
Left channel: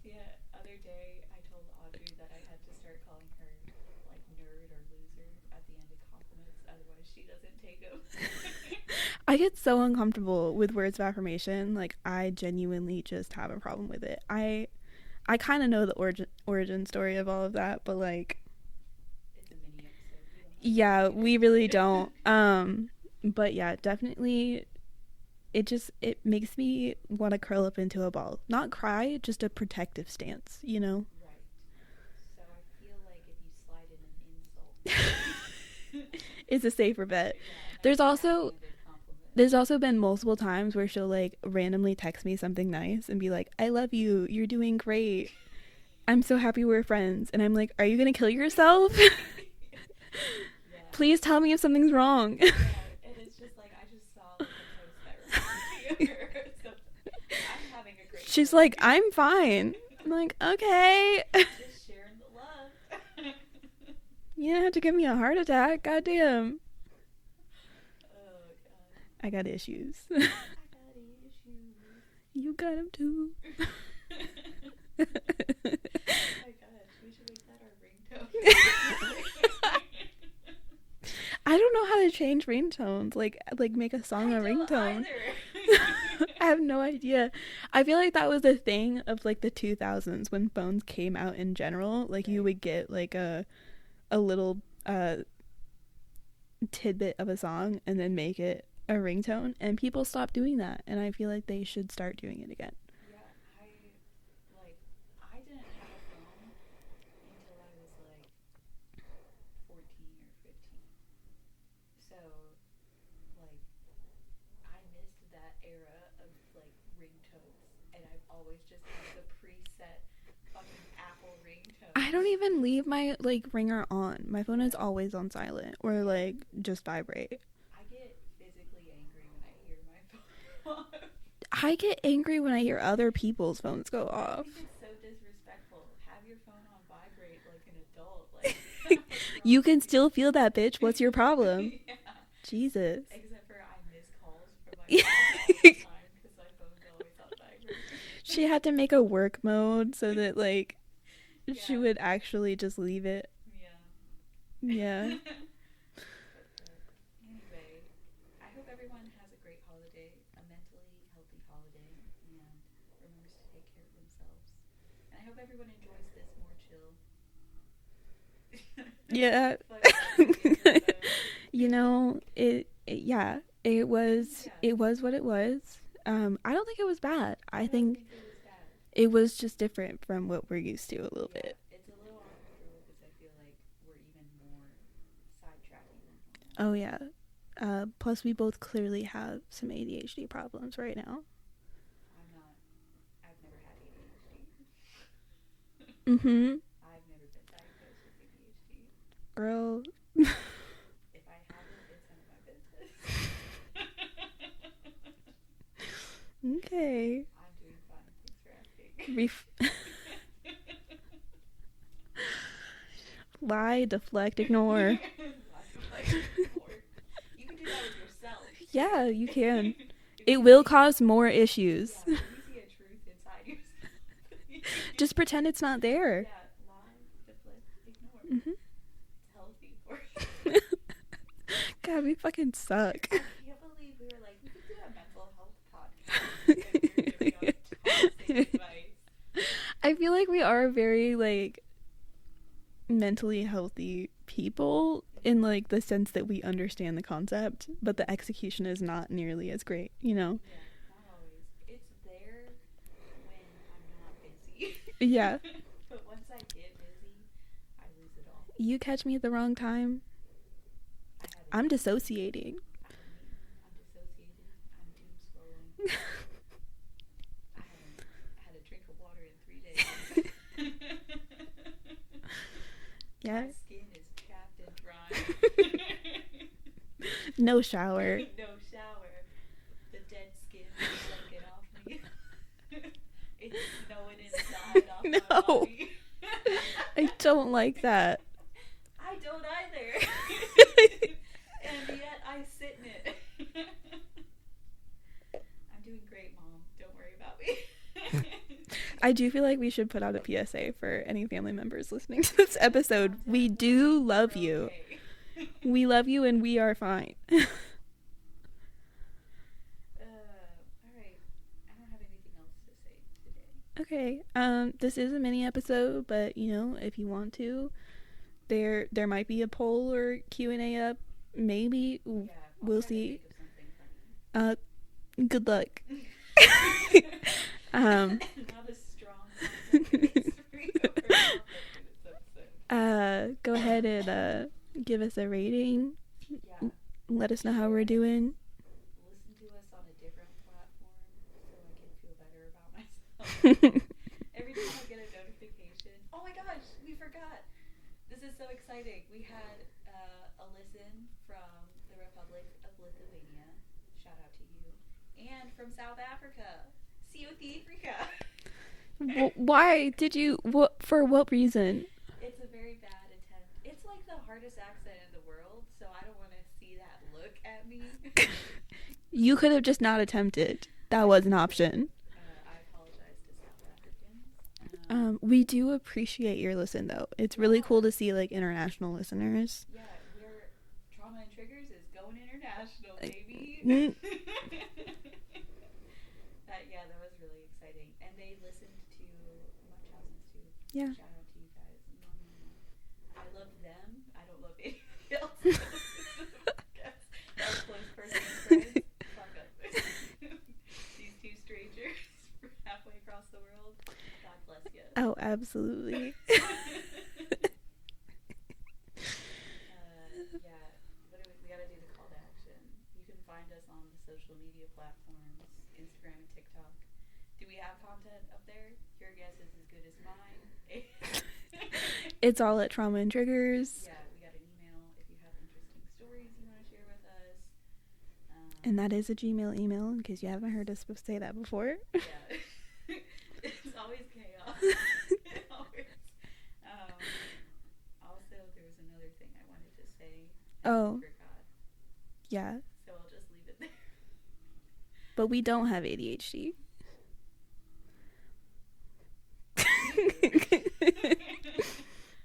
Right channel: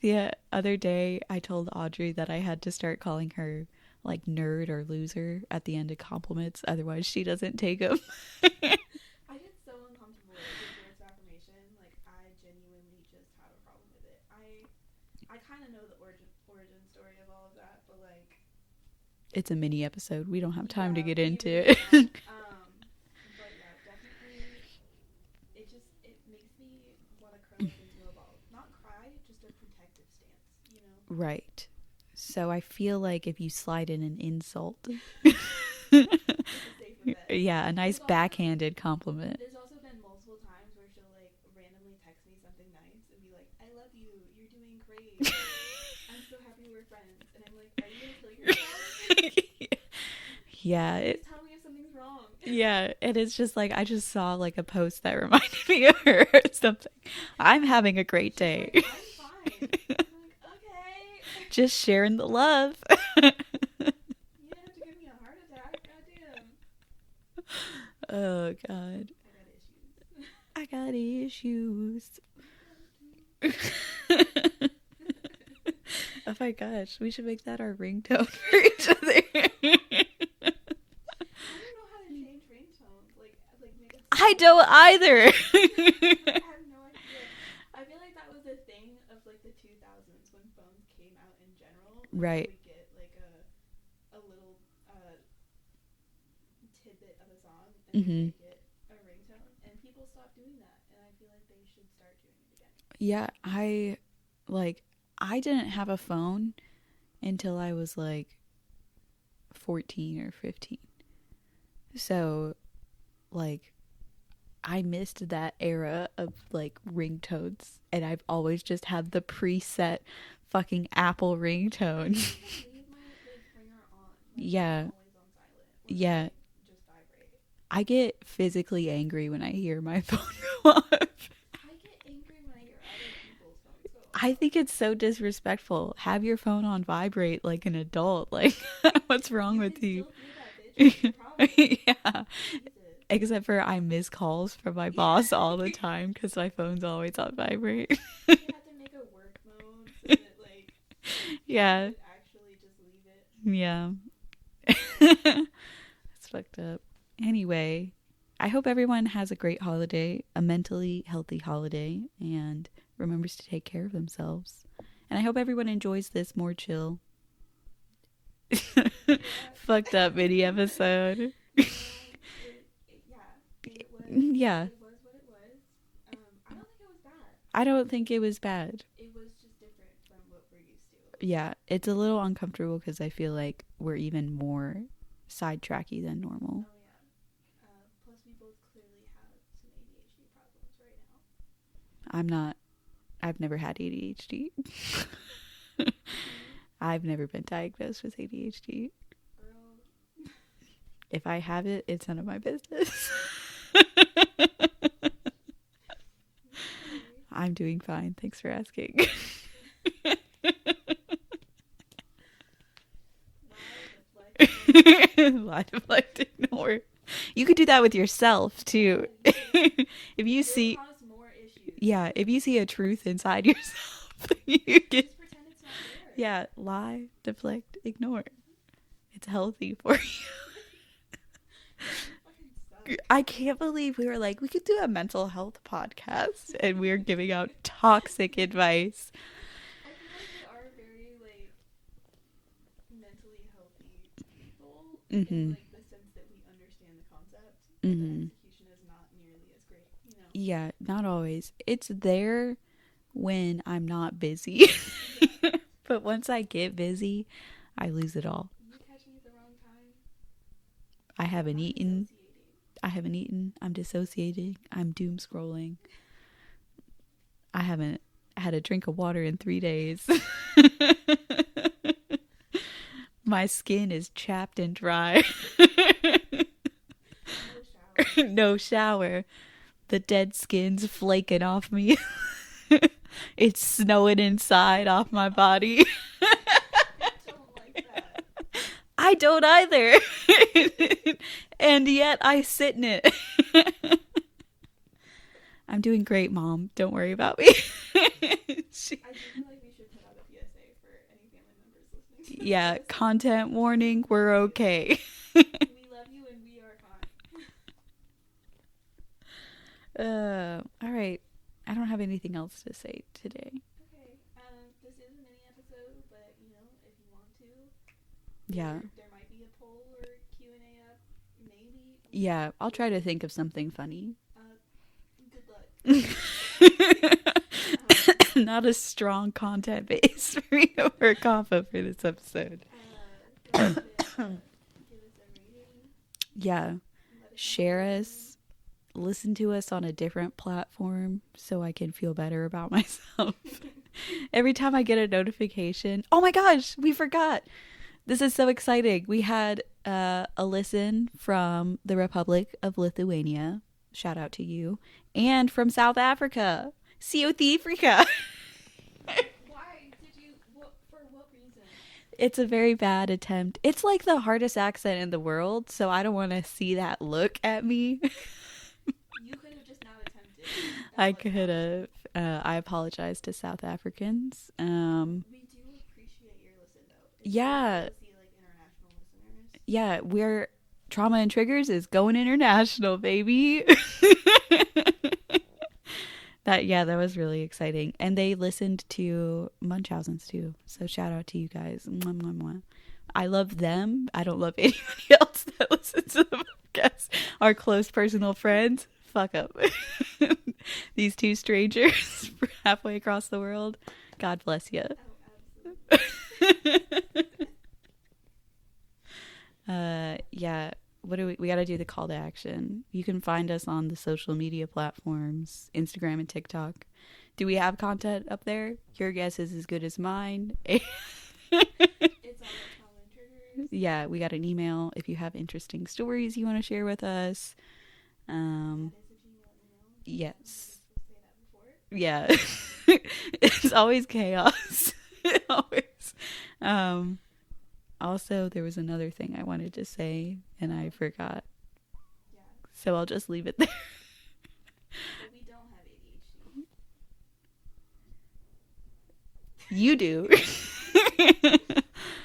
The other day I told Audrey that I had to start calling her like nerd or loser at the end of compliments, otherwise she doesn't take them. I get so uncomfortable with words of affirmation. Like, I genuinely just have a problem with it. I kind of know the origin story of all of that, but like, it's a mini episode. We don't have time to get into it. Yeah, we really don't. But yeah, definitely it makes me want to curl up into a ball. Not cry, just a protective stance, you know? Right. So I feel like if you slide in an insult, it's a safer bet. Yeah, a nice backhanded compliment. There's also been multiple times where she'll like randomly text me something nice and be like, I love you, you're doing great. I'm so happy we're friends. And I'm like, are you gonna kill yourself? Yeah. Please tell me if something's wrong. Yeah. And it's just like, I just saw like a post that reminded me of her or something. I'm having a great day. She's like, I'm fine. I'm like, okay. Just sharing the love. You don't have to give me a heart attack. Goddamn. Oh, God. I got issues. I got issues. You got them too. Oh my gosh. We should make that our ringtone for each other. I don't know how to change ringtones. Like make a song. I don't either. I have no idea. I feel like that was a thing of like the 2000s when phones came out in general. Like you would get like a little tidbit of a song and then make it a ringtone, and people stopped doing that, and I feel like they should start doing it again. Yeah, I didn't have a phone until I was like 14 or 15. So, like, I missed that era of, like, ringtones. And I've always just had the preset fucking Apple ringtone. I don't even leave my like ringer on. My phone is always on silent or like just vibrate. I get physically angry when I hear my phone go off. I get angry when I hear other people's phones go off. I think it's so disrespectful. Have your phone on vibrate like an adult. Like, what's wrong with you? You can still feel that, bitch. What's your problem? Yeah. Jesus. Except for I miss calls from my boss all the time because my phone's always on vibrate. She had to make a work mode so that, like, she would actually just leave it. Yeah. Yeah. It's fucked up. Anyway, I hope everyone has a great holiday, a mentally healthy holiday, and remembers to take care of themselves. And I hope everyone enjoys this more chill. Yeah. Fucked up mini episode. You know, it was what it was. I don't think it was bad. I don't think it was bad. It was just different from what we're used to a little bit. Yeah, it's a little uncomfortable because I feel like we're even more sidetracky than normal. Oh, yeah. Plus, we both clearly have some ADHD problems right now. I've never had ADHD. Mm-hmm. I've never been diagnosed with ADHD. Girl. If I have it, it's none of my business. Okay. I'm doing fine. Thanks for asking. Lie, deflect, ignore. Lie, deflect, ignore. You could do that with yourself, too. Yeah, you can. It will cause more issues. Yeah, if you see a truth inside yourself, just pretend it's not there. Yeah, lie, deflect, ignore. Mm-hmm. It's healthy for you. God, we fucking suck. I can't believe we were like, we could do a mental health podcast, and we're giving out toxic advice. I feel like we are very, like, mentally healthy people in, like, the sense that we understand the concept, but the execution is not nearly as great, you know? Yeah, not always. It's there when I'm not busy. Yeah. But once I get busy, I lose it all. You catch me at the wrong time. I'm dissociating. I haven't eaten. I'm dissociating. I'm doom scrolling. I haven't had a drink of water in 3 days. My skin is chapped and dry. No shower. No shower. The dead skin's flaking off me. It's snowing inside off my body. I don't like that. I don't either. And yet I sit in it. I'm doing great, Mom. Don't worry about me. I do feel like we should put out a PSA for any family members listening to this episode. Content warning, we're okay. We love you and we are fine. All right. I don't have anything else to say today. Okay. This is a mini episode, but you know, if you want to, there might be a poll or Q&A up. Maybe. Yeah, I'll try to think of something funny. Good luck. Not a strong content base for me to work off of for this episode. Go ahead and give us a rating. Yeah. Let us know how we're doing. Listen to us on a different platform so I can feel better about myself. Every time I get a notification, oh my gosh, we forgot. This is so exciting. We had a listen from the Republic of Lithuania. Shout out to you. And from South Africa. South Africa. Why did you? For what reason? It's a very bad attempt. It's like the hardest accent in the world, so I don't want to see that look at me. You could have just not attempted. That was an option. I apologize to South Africans. We do appreciate your listen, though. It's really cool to see like international listeners. Yeah, we're Trauma and Triggers is going international, baby. That was really exciting, and they listened to Munchausen's too. So shout out to you guys. Mwah, mwah, mwah. I love them. I don't love anybody else that listens to the podcast. Our close personal friends. Fuck up. These two strangers halfway across the world. God bless you. Oh, absolutely. What do we got to do the call to action. You can find us on the social media platforms, Instagram and TikTok. Do we have content up there? Your guess is as good as mine. It's all at Trauma and Triggers. Yeah, we got an email if you have interesting stories you want to share with us. And that is a Gmail email, in case yes. you haven't heard us say that before. Yeah. It's always chaos. Always. Also, there was another thing I wanted to say, and I forgot. Yeah. So I'll just leave it there. But we don't have ADHD. You do.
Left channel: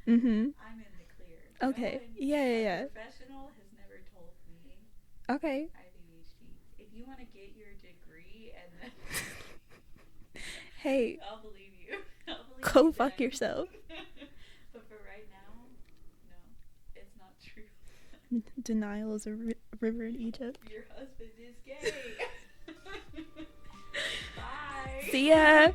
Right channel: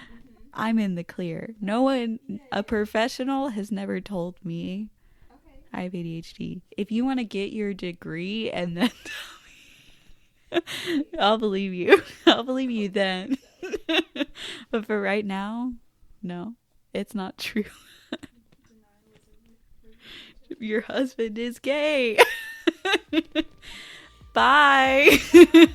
Mm-hmm. I'm in the clear. Okay. No one, a professional has never told me okay. I have ADHD. If you want to get your degree and then hey, I'll believe you. I'll believe go you then. fuck yourself. But for right now, no, it's not true. Denial is a river in Egypt. Your husband is gay. Bye. Yeah.